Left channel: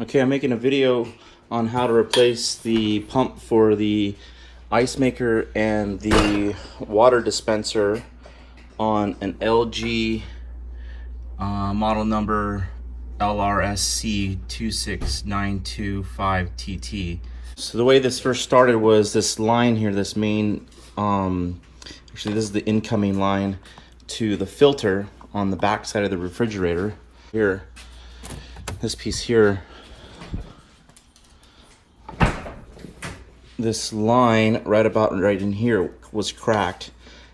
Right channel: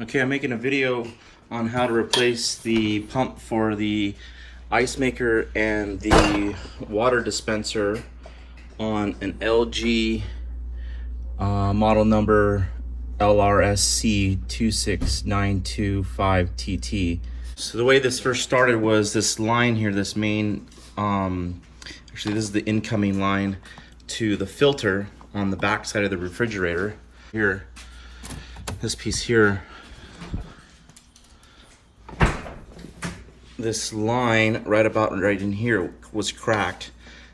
Okay, I'm making a video on how to replace the pump for the ice maker and the water dispenser on an LG model number LRSC26925TT. So the way this first started was this line here, this main, actually this is the incoming line to the filter on the back side of the refrigerator. Here, this piece here, this line right in here was cracked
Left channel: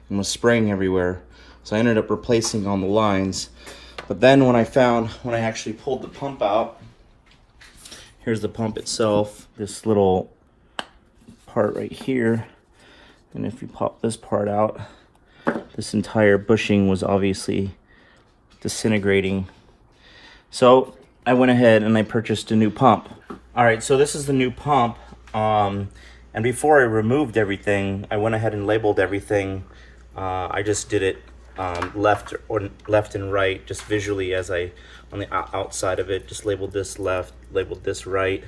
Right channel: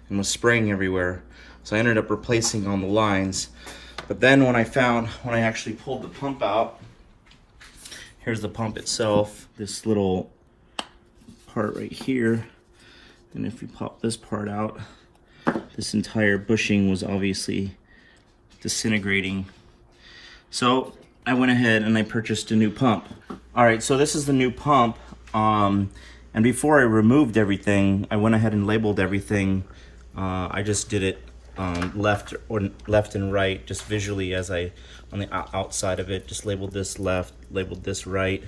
and was spraying everywhere. So I ended up replacing all the lines. But then when I actually pulled the pump out, here's the pump itself, this little part right here. And if you pop this part out, this entire bushing was obviously disintegrating. So I went ahead and I purchased a new pump. All right, so this is the new pump. And before I removed everything, I went ahead and labeled everything. I just did it left and right, just visually as on the outside of it. Just labeled this left, labeled this right,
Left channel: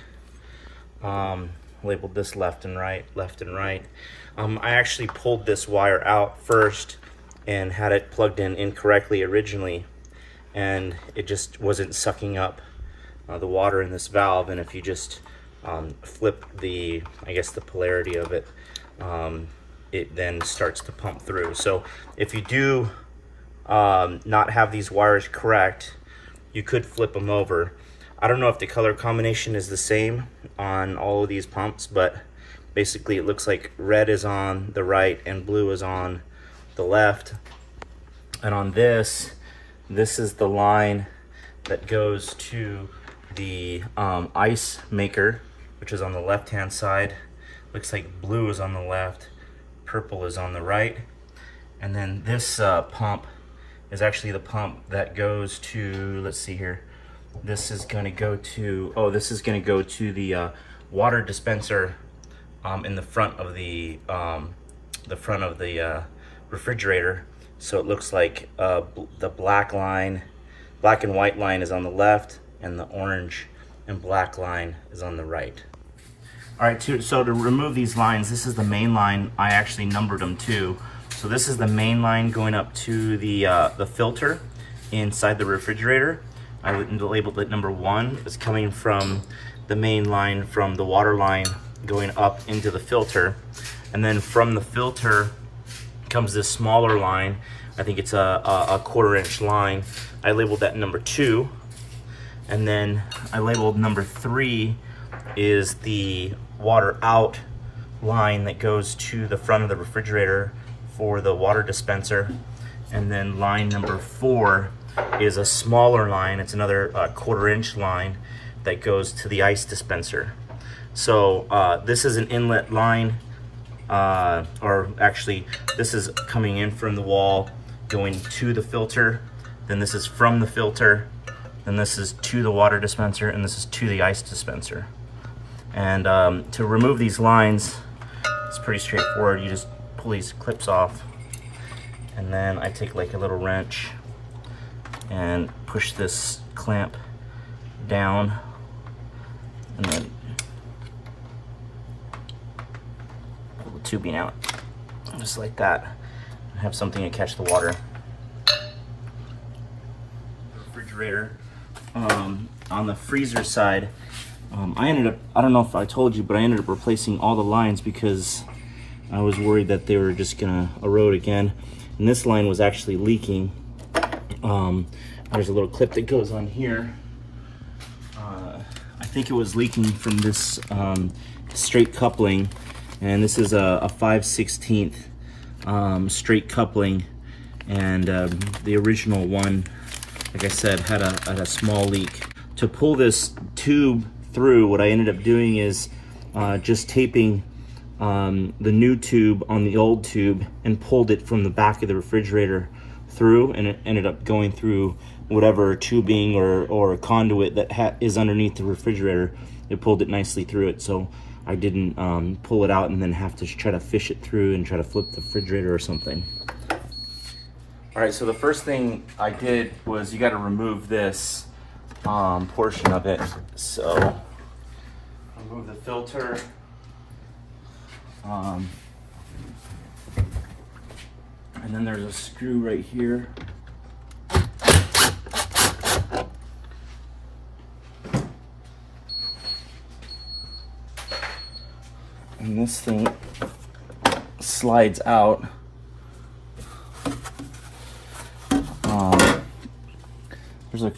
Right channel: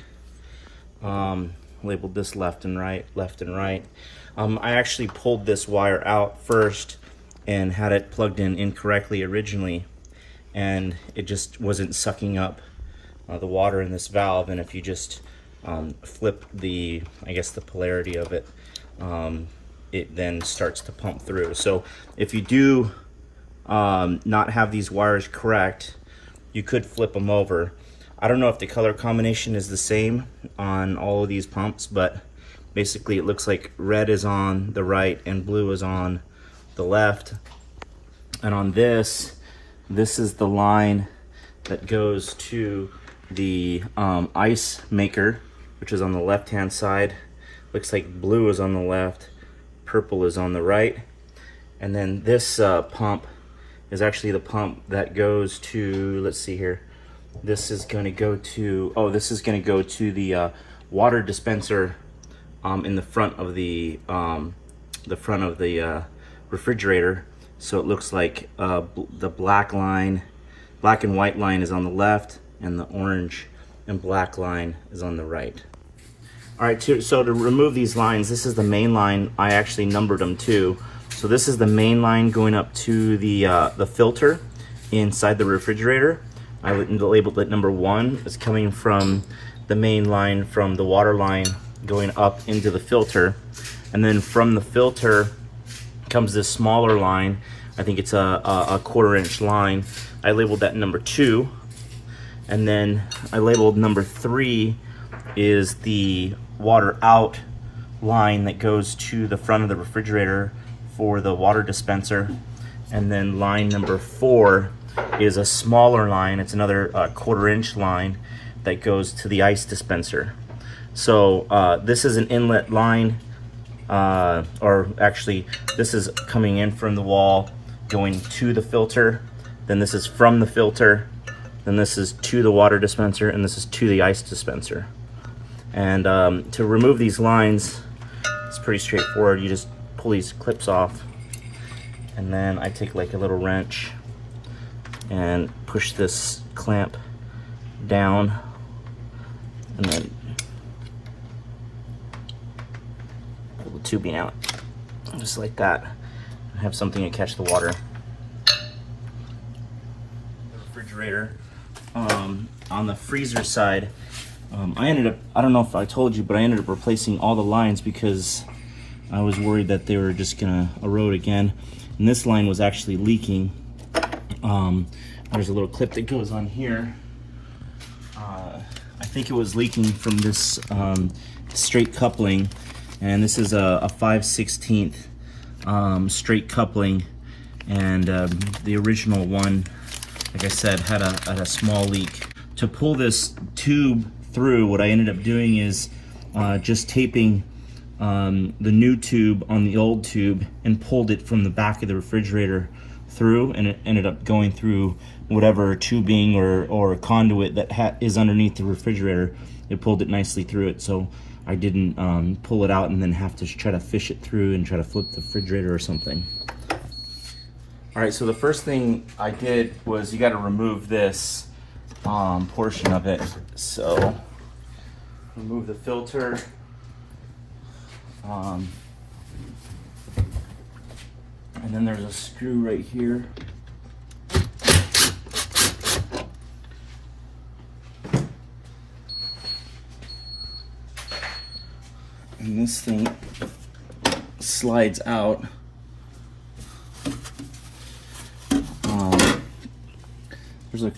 labeled this left and right, left and right. I actually pulled this wire out first and had it plugged in incorrectly originally, and it just wasn't sucking up the water in this valve. And if you just flip the polarity of it, it then starts to pump through. So if you do not have these wires correct, you could flip them over. I don't know if the color combination is the same on all of these pumps, but basically it looks like red is on the right and blue is on the left. And on this is the line that goes to the ice maker, which is on the left hand side. Looks like blue is on the left, purple is on the right. And then this pump is actually the pump that goes to, let's see here, this is going to go to, the water dispenser in the front of the refrigerator. So it looks like the black and white line is on the left, and the orange and black line is on the right. All right, so to remove these lines, this is the main line. I actually numbered them too. So this is the main line going up to the filter inside the refrigerator. I labeled it number 1. It's coming from the main line from the water line going up into the filter. And then from the filter comes this smaller line. I think it's a 1/4 inch line. I labeled that number 2. And then I labeled number 3 is the water out line that goes to the front of the refrigerator for the water dispenser. And then line number 4 is a smaller line. It's another 1/4 inch line that goes to the ice dispenser. So this is an inlet line, or actually this is coming in from the wall going to the filter. Then this is from the filter. Then this is to the water dispenser, and this is to the ice dispenser. And to remove these lines, it's pretty straightforward. You just pull these clips off, and then I take like a little wrench and push this clamp down, and then pull the tubing out, just like that. I have something to catch the water. Refrigerator. On the freezer side, I don't know if I told you, but I ended up replacing all the lines because I was worried that they were just gonna erode again. And this line was actually leaking. There's a little clip that goes on here. I think it was leaking from this straight coupling, and this is a 5/16 straight coupling, and the original one, like I said, had a small leak. To pull this tube through, what I ended up doing is just taping the new tube on the old tube and pulled it from the back of the refrigerator through, and it ended up going through whatever tubing or conduit that is underneath the refrigerator. It pulled it nicely through it, so I didn't pull it out and then have to try to fish it through and try to flip the refrigerator or something. All right, so the first thing I did was you got to remove this portion of it. So remove the filter. And then there's a screw right here. And this thing slides out.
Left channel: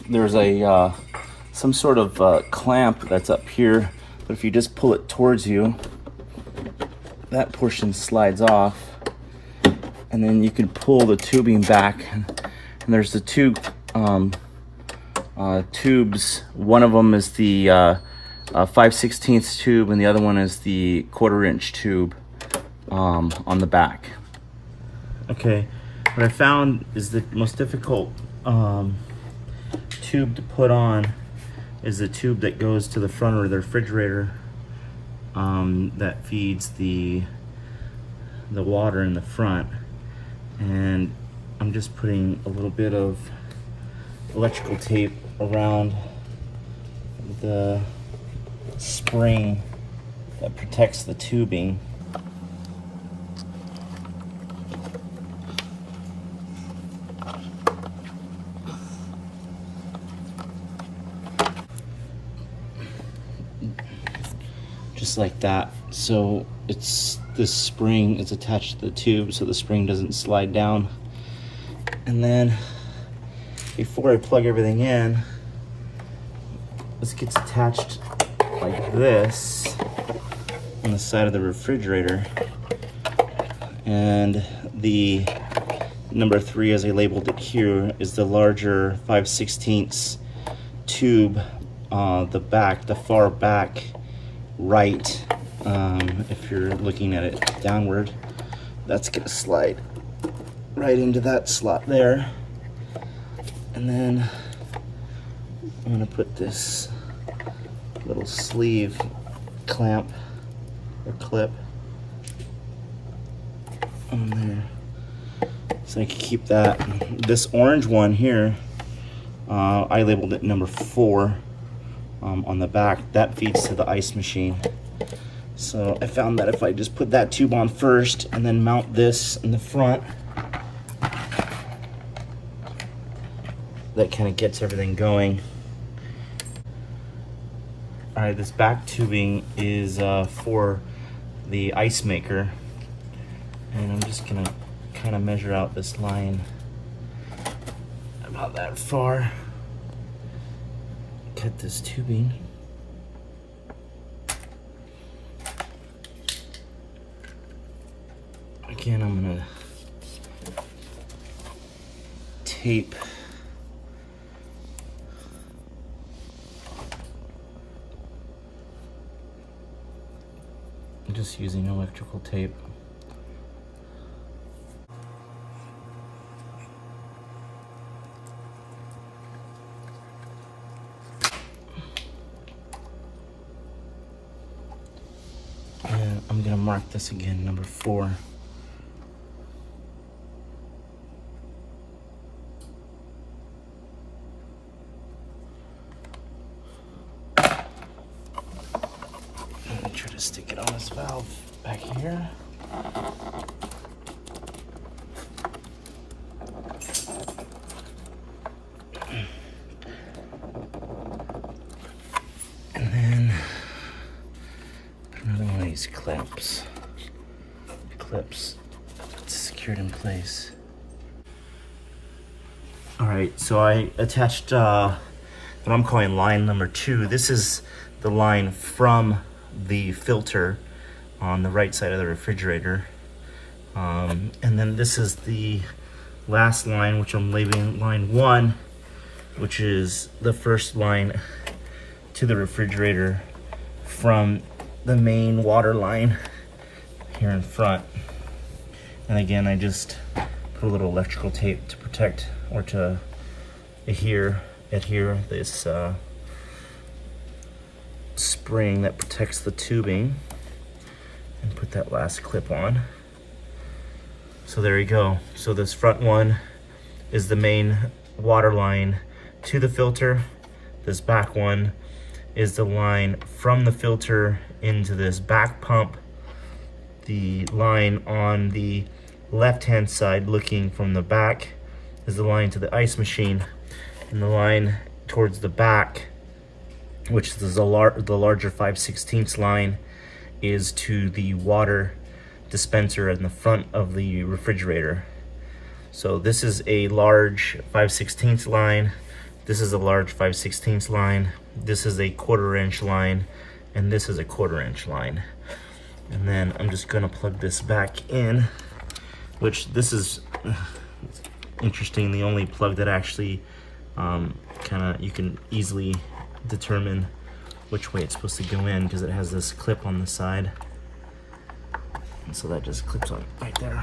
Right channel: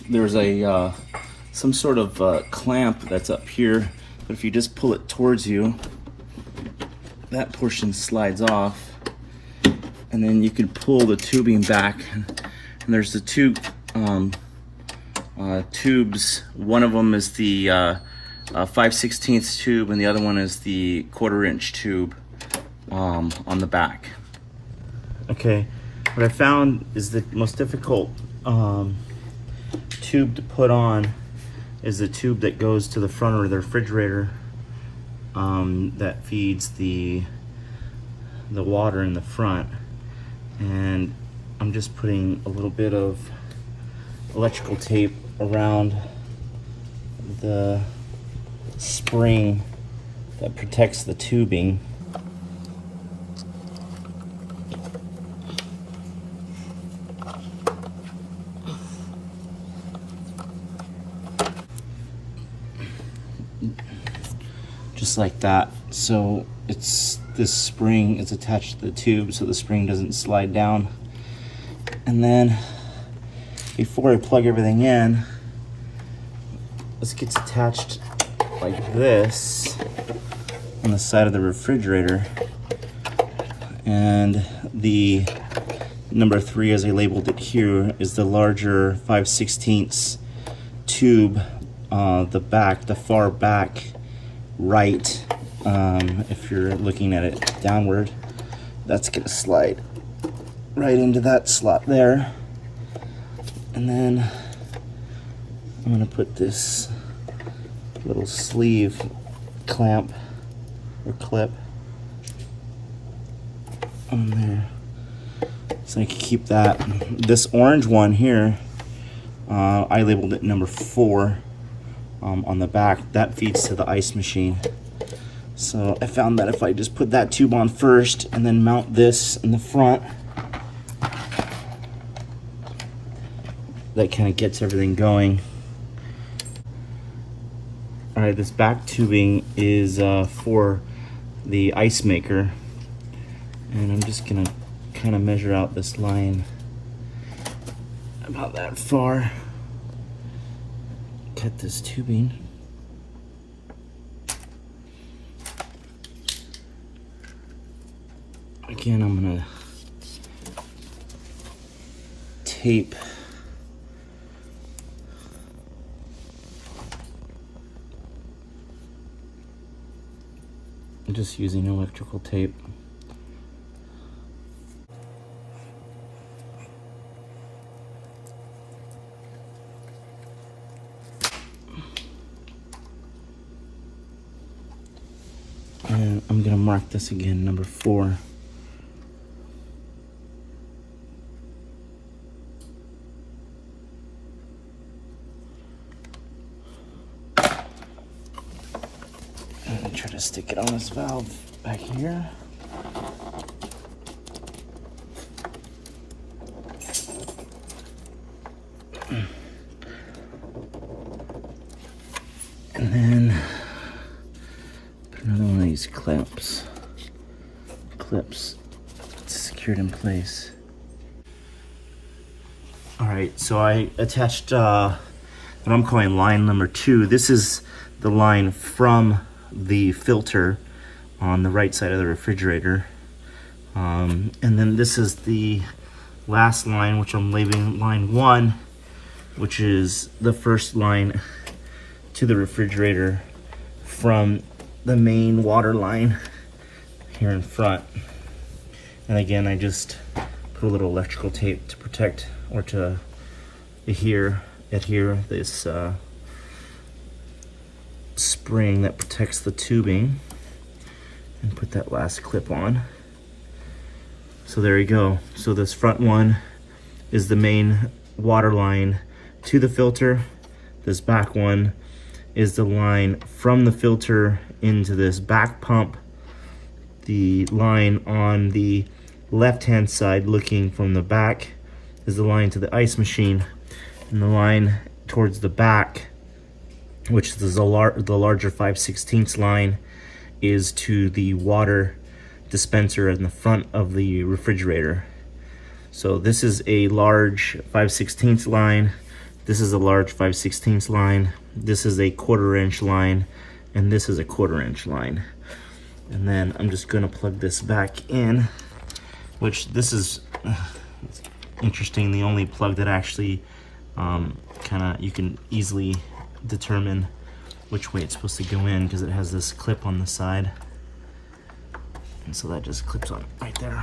There's a some sort of clamp that's up here, but if you just pull it towards you, that portion slides off, and then you can pull the tubing back. And there's the two tubes. One of them is the 5/16 tube, and the other one is the 1/4" tube on the back. Okay, what I found is the most difficult tube to put on is the tube that goes to the front of the refrigerator that feeds the water in the front. And I'm just putting a little bit of electrical tape around the spring that protects the tubing. Just like that. So it's this spring is attached to the tube so the spring doesn't slide down. And then before I plug everything in, this gets attached like this on the side of the refrigerator. And the number 3, as I labeled it here, is the larger 5/16 tube, the far back right. If you're looking at it downward, that's gonna slide right into that slot there. And then I'm gonna put this little sleeve clamp or clip on there, so I can keep that. This orange one here, I labeled it number 4 on the back. That feeds to the ice machine. So I found that if I just put that tube on first and then mount this in the front, that kind of gets everything going. All right, this back tubing is for the ice maker, and I'm just gonna kind of measure out this line about that far. Cut this tubing. Again, I'm gonna tape I'm just using electrical tape. And I'm gonna mark this again, number 4. Try to stick it on this valve back here. And then put another one of these clips secured in place. All right, so I attached what I'm calling line number 2. This is the line from the filter on the right side of the refrigerator, and then this is the last line, which I'm labeling line 1, which is the first line to the refrigerator from the main water line here in front. And again, I just put a little electrical tape to protect or to adhere this spring that protects the tubing, and put that last clip on. So there you go. So this front one is the main water line to the filter, This back one is the line from the filter into this back pump. The line on the left-hand side looking from the back is the line to the ice machine, and the line towards the back, which is the larger 5/16 line, is to the water dispenser in the front of the refrigerator. So this is a large 5/16 line, this is a large 5/16 line, this is a 1/4 inch line, and this is a 1/4 inch line. And then I'm just gonna plug this back in, which this is interesting, the only plug that actually you can easily determine which way it's supposed to go in, because it has this clip on the side. And so that just clips on right there.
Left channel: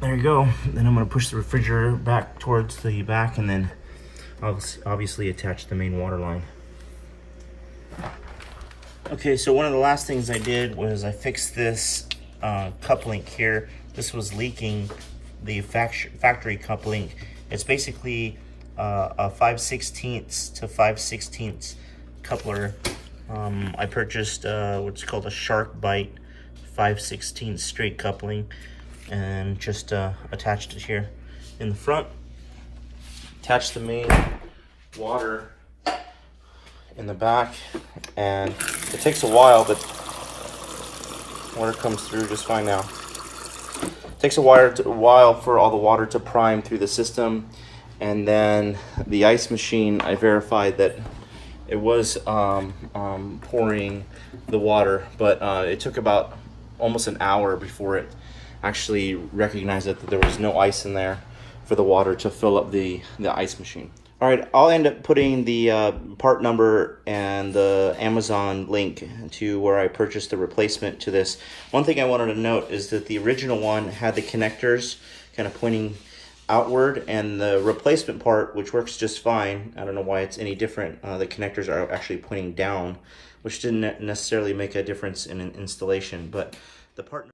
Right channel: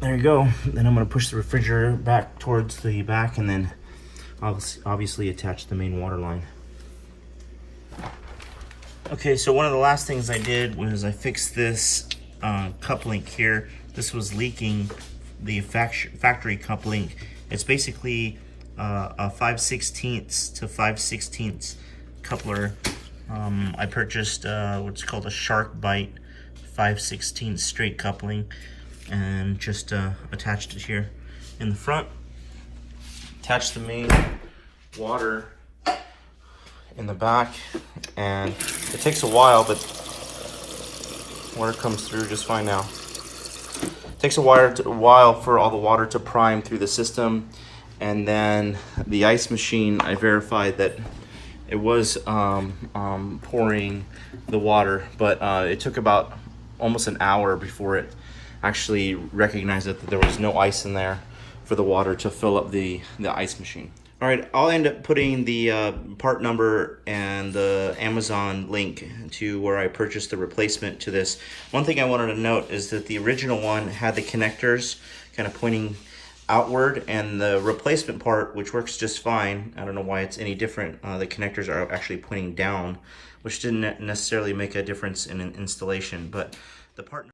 There you go. Then I'm gonna push the refrigerator back towards the back, and then obviously attach the main water line. Okay, so one of the last things I did was I fixed this cup link here. This was leaking, the factory cup link. It's basically a 5/16 to 5/16 coupler. I purchased what's called a Shark Bite 5/16 straight coupling, and just attached it here in the front. Attached the main water in the back, and it takes a while, but water comes through just fine now. It takes a while for all the water to prime through the system. And then the ice machine, I verified that it was pouring the water, but it took about almost an hour before it actually recognized that there was no ice in there for the water to fill up the ice machine. All right, I'll end up putting the part number and the Amazon link to where I purchased the replacement to this. One thing I wanted to note is that the original one had the connectors kind of pointing outward, and the replacement part, which works just fine, I don't know why it's any different, the connectors are actually pointing down, which didn't necessarily make a difference in an installation, but the part